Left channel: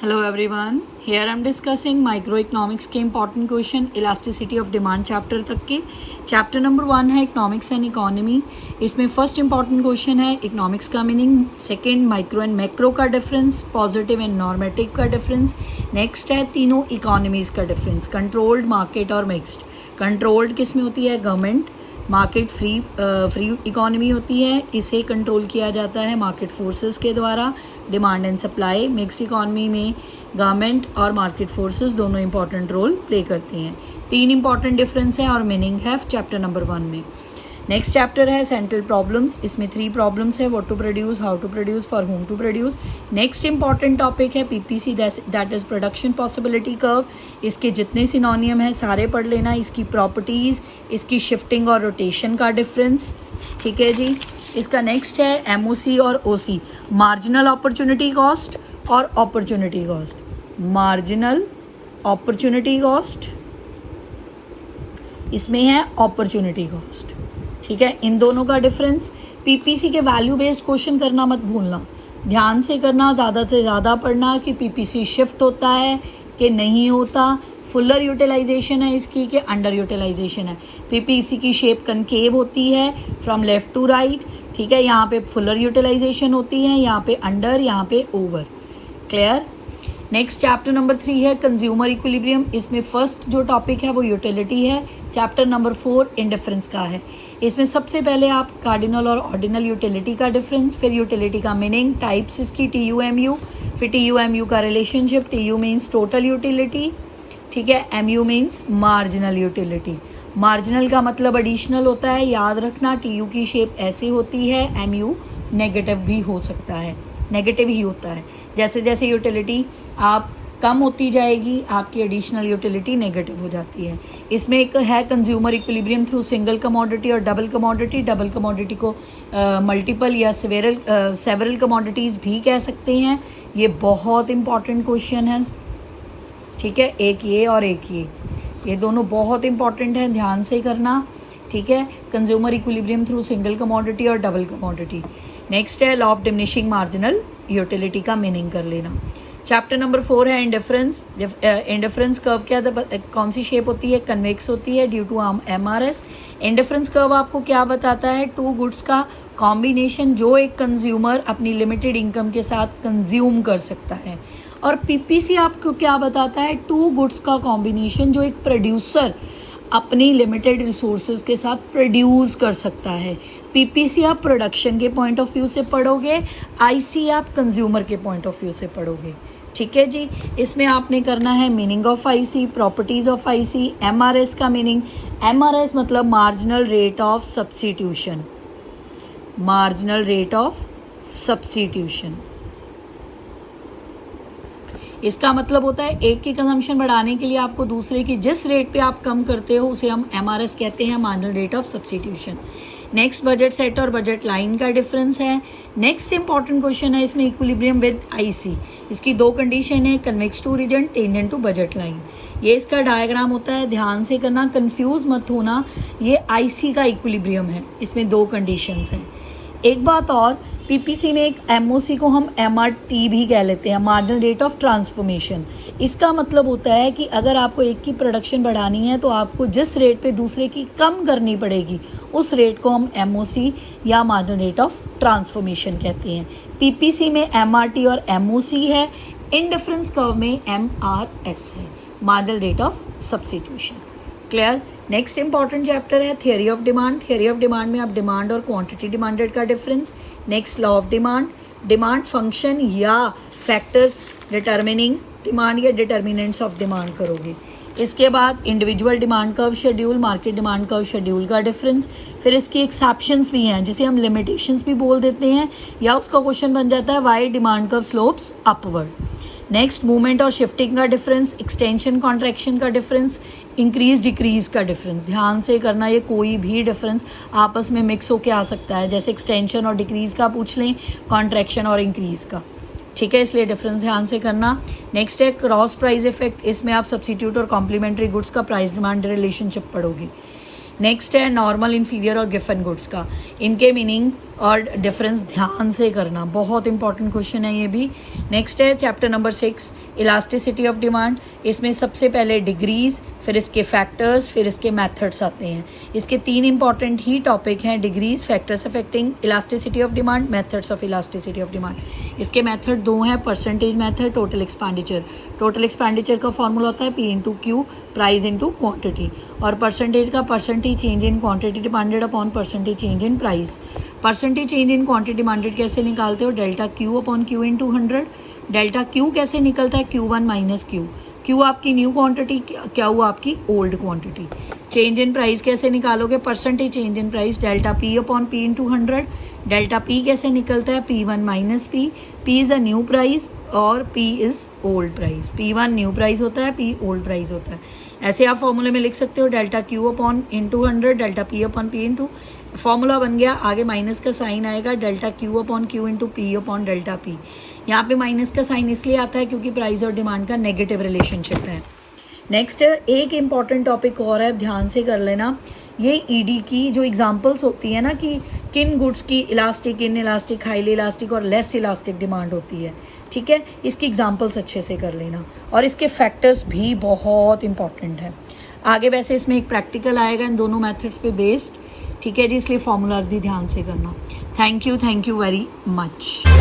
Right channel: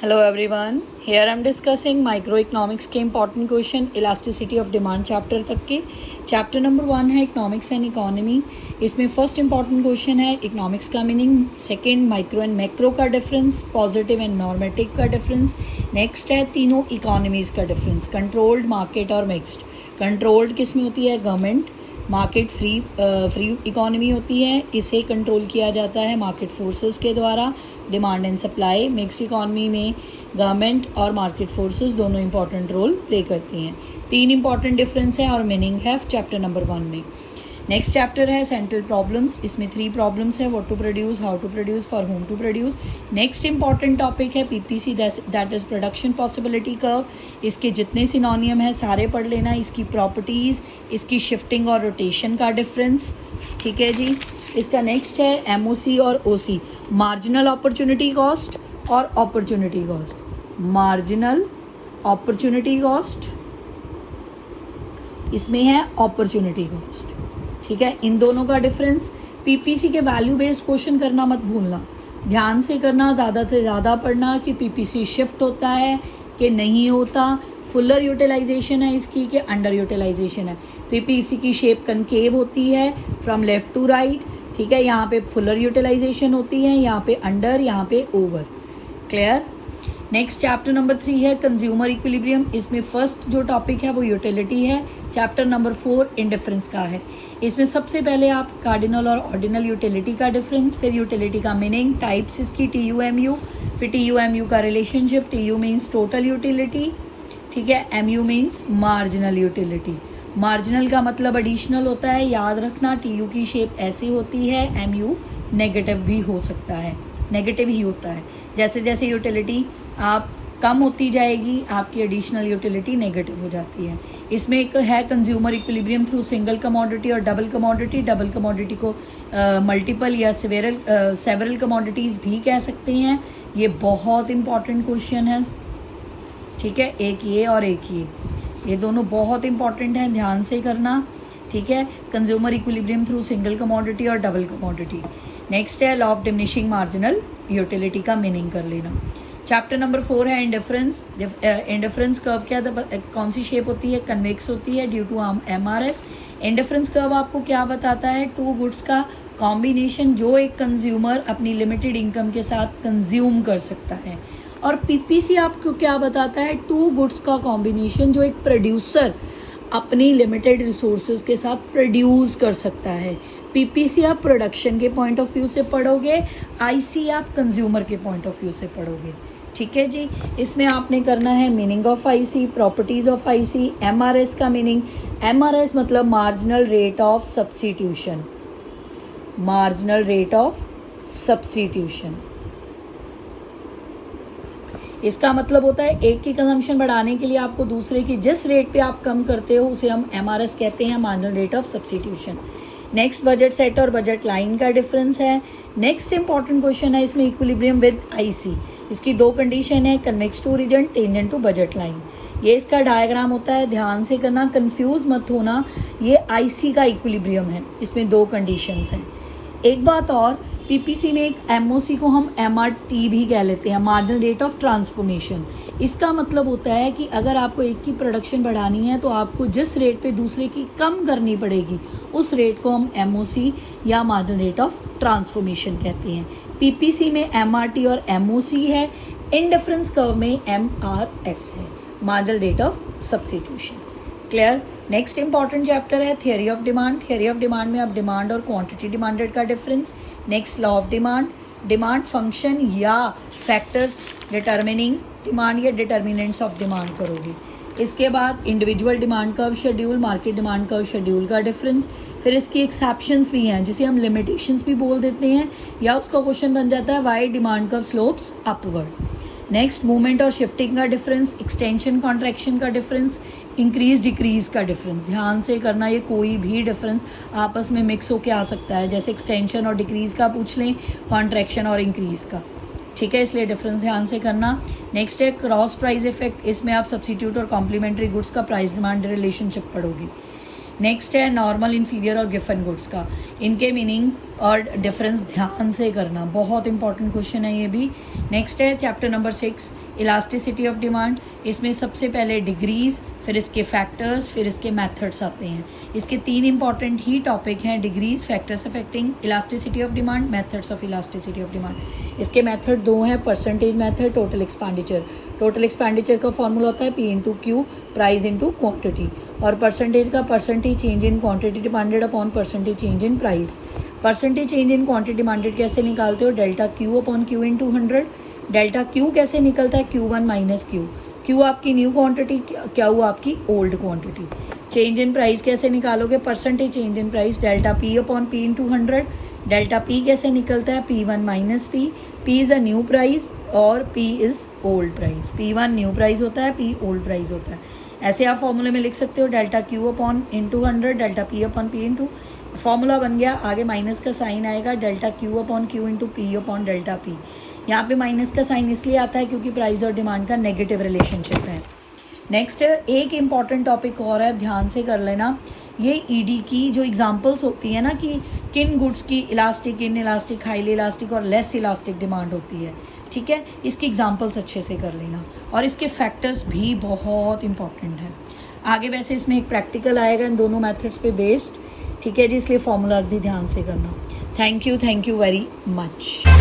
Hello everyone. Here I am discussing microeconomics के important question elasticity of demand chapter तक के. Chapter number 1 है economics and economy. इसमें first important question है economics का meaning, second micro and macro का difference, positive and normative का difference. Next है तीनों economies का difference, controlled, market और mixed. Controlled किस में होती है? गवर्नमेंट. मार्केट फ्री इकोनॉमी होती है, इसे कंट्रोल किया जाता है मार्केट फोर्सेस के द्वारा. Demand and supply. Mix economy में गवर्नमेंट और मार्केट फोर्सेस दोनों इंपॉर्टेंट रोल प्ले करती हैं. तीन इंपॉर्टेंट डिफरेंस है और मीनिंग है चैप्टर नंबर 1 में. नेक्स्ट चैप्टर है सेंट्रल प्रॉब्लम्स. इसमें 3 प्रॉब्लम्स है, what to produce, how to produce, for whom to produce. Next important topic है PPC, that is production possibility curve. इसके जितने सिनोनियम है सारे पढ़ लेना. इसकी प्रॉपर्टीज़, इसकी शिफ्टिंग और रोटेशन का डिफरेंस. ठीक है जी. इसका नेक्स्ट है एमओसी और ओसी, मार्जिनल अपॉर्चुनिटी कॉस्ट और opportunity cost. Marginal opportunity cost, इसमें है अपॉर्चुनिटी कॉस्ट. ठीक है, इन दोनों का डिफरेंस. पीपीसी के वैल्यू बेस्ड क्वेश्चन करना मत भूलना, ध्यान से करना, ज़्यादा से ज़्यादा पढ़ना कि पीपीसी शिफ्ट होता है कि नहीं होता, फुलर यूटिलाइजेशन है इसकी कि अंडर यूटिलाइजेशन है. पीपीसी की शेप कनकेव होती है फ्रॉम लेफ्ट टू राइट. ठीक है, यहाँ पे फुलर यूटिलाइजेशन होती है, यहाँ पे अंडर, यहाँ पे over. Clear. Next chapter number 3 है कंज्यूमर इक्विलिब्रियम. इसमें फर्स्ट जो टॉपिक है वो यूटिलिटी है. चैप्टर नंबर 4 इंडिफरेंस का है. इसमें सबसे पहले आप कार्डिनल और ऑर्डिनल यूटिलिटी का डिफरेंस, फिर यूटिलिटी का मीनिंग, टाइप्स इसकी TUMU, फिर TUMU का relationship. TU means total utility. ठीक है, MU means marginal utility. Marginal का मतलब एडिशनल होता है, याद रखना. TU की शेप ऐसे होती है, MU नेगेटिव भी हो सकता है, नेगेटिव ही होता है. जैसे जैसे यूटिलिटी आप कम होती जाएगी आपकी एडिशनल यूटिलिटी नेगेटिव हो जाती है. इसमें एक है consumer equilibrium through single commodity और डबल कमोडिटी. डबल कमोडिटी को मल्टीपल या सेवरल कमोडिटीज़ भी कह सकते हैं. ये बहुत इंपॉर्टेंट क्वेश्चन है. ठीक है, एक ये और एक ये दोनों बहुत इंपॉर्टेंट हैं, ध्यान से करना. ठीक है, consumer equilibrium through single commodity और डबल कमोडिटी. नेक्स्ट है law of diminishing marginal utility का मीनिंग कर लेना. चैप्टर नंबर 4 है इंडिफरेंस. इंडिफरेंस कर्व क्या कौन सी शेप होती है? कन्वेक्स होती है due to MRS. Indifference curve आपको क्या बताता है? 2 गुड्स का कॉम्बिनेशन जो एक कंज्यूमर अपनी लिमिटेड इनकम के साथ कंज्यूम कर सकता है. और पीपीसी आपको क्या बताता है? 2 गुड्स का कॉम्बिनेशन जो एक प्रोड्यूसर अपनी लिमिटेड रिसोर्सेज के साथ प्रोड्यूस कर सकता है. पीपीसी आप प्रोडक्शन के पॉइंट ऑफ व्यू से पढ़ोगे, आईसी आप कंज्यूमर के पॉइंट ऑफ व्यू से पढ़ोगे. ठीक है जी. इसमें आपने करना है meaning of IC, properties of IC, MRS का मीनिंग. MRS मतलब marginal rate of substitution. Marginal rate of substitution, इसका मतलब होता है एक की कंजम्पशन बढ़ाने के लिए आपको दूसरे की जिस रेट पे आप कम करते हो उसे हम MRS कहते हैं, marginal rate of substitution. Next budget set और बजट लाइन का डिफरेंस है. नेक्स्ट इंपॉर्टेंट क्वेश्चन है इसमें इक्विलिब्रियम विद आईसी. इसकी 2 कंडीशन है, convex to region, tangent to budget line. ये इसका डायग्राम होता है, ध्यान से करना, कंफ्यूज मत होना. ये आईसी का इक्विलिब्रियम है, इसमें 2 कंडीशंस हैं. एक बात और, पीपीसी में एक MOC को हम MRT भी कह लेते हैं, मार्जिनल रेट ऑफ ट्रांसफॉर्मेशन. इसका मतलब होता है कि अगर आपको एक की प्रोडक्शन बढ़ानी है तो आपको जिस रेट पे दूसरे की कम करनी पड़ेगी उस रेट को हम MOC या मार्जिनल रेट ऑफ ट्रांसफॉर्मेशन कहते हैं. पीपीसी में MRT और MOC है. इंडिफरेंस कर्व में MRS है, marginal rate of substitution. Clear. Next important chapter है theory of demand. Theory of demand में आप डिमांड और क्वांटिटी डिमांडेड का difference. Next law of demand, demand function या फैक्टर्स डिटर्मिनिंग डिमांड या डिटर्मिनेंट्स ऑफ डिमांड करोगे. इसके बाद individual demand curve schedule, market demand curve schedule का डिफरेंस. फिर इसकी एक्सेप्शंस भी हैं जिसे हम लिमिटेशंस भी बोल देते हैं, या उसका क्वेश्चन बन जाता है why demand curve slopes upward. Next movement और शिफ्टिंग का डिफरेंस, एक्सटेंशन कॉन्ट्रैक्शन का डिफरेंस, इंक्रीज डिक्रीज का डिफरेंस. ध्यान से करना, ये कोई भी डिफरेंस आपस में मिक्स होके आ सकता है, जैसे एक्सटेंशन और डिक्रीज का पूछ लें, कॉन्ट्रैक्शन और इंक्रीज का. ठीक है, इसलिए डिफरेंस ध्यान से करना. नेक्स्ट है क्रॉस प्राइस इफेक्ट. इसमें आप सब्स्टिट्यूट और कॉम्प्लीमेंट्री गुड्स का प्राइस डिमांड रिलेशनशिप पढ़ोगे. नेक्स्ट है नॉर्मल, इन्फीरियर और गिवन गुड्स का, इनके मीनिंग और डिफरेंस ध्यान से करना, बहुत इंपॉर्टेंट क्वेश्चन है ये भी। नेक्स्ट है chapter number 6 elasticity of demand. इसमें सबसे पहले डिग्रीज, फिर इसके फैक्टर्स, फिर इसके मेथड्स आते हैं। इसके 3 इंपॉर्टेंट ही टॉपिक हैं, degrees, factors affecting elasticity of demand, methods of elasticity of demand. इसके मेथड 2 हैं, percentage method, total expenditure. Total expenditure का फॉर्मूला होता है P into Q, price into quantity, और परसेंटेज का percentage change in quantity demanded upon percentage change in price. Percentage change in quantity demanded कैसे निकालते हो, delta Q upon Q into 100। Delta Q कैसे निकलता है, Q1 माइनस क्यू, क्यू आपकी new quantity, क्या हुआ आपकी old quantity. Change in price कैसे निकालोगे, percentage change in price, delta P upon P into 100। Delta P कैसे निकलता है, P1 minus P, P is a new price और P is old price. P1 new price होता है, P old price होता है। ऐसे आप फॉर्मूले में लिख सकते हो, delta Q upon into 100, delta P upon P into, formula बन गया। आगे माइनस का साइन आएगा, delta Q upon Q into P upon delta P। यहाँ पे माइनस का साइन इसलिए आता है क्योंकि प्राइस और डिमांड का नेगेटिव रिलेशनशिप है। नेक्स्ट एक इम्पॉर्टेंट टॉपिक और है, ध्यान से कर लेना। ये ईडी की जो एग्जांपल्स होती है ना कि किन गुड्स की elastic, in elastic, highly elastic और लेस इलास्टिक डिमांड होती है, ठीक है, इसकी एग्जांपल्स अच्छे से कर लेना, और इसके फैक्टर्स भी बहुत इंपॉर्टेंट है। आगे वैसे इसमें एक प्रैक्टिकल आएगा इन दोनों मेथड्स पे बेस्ड, ठीक है जी, इसलिए फॉर्मूलाज भी ध्यान से करना। Thank you very much.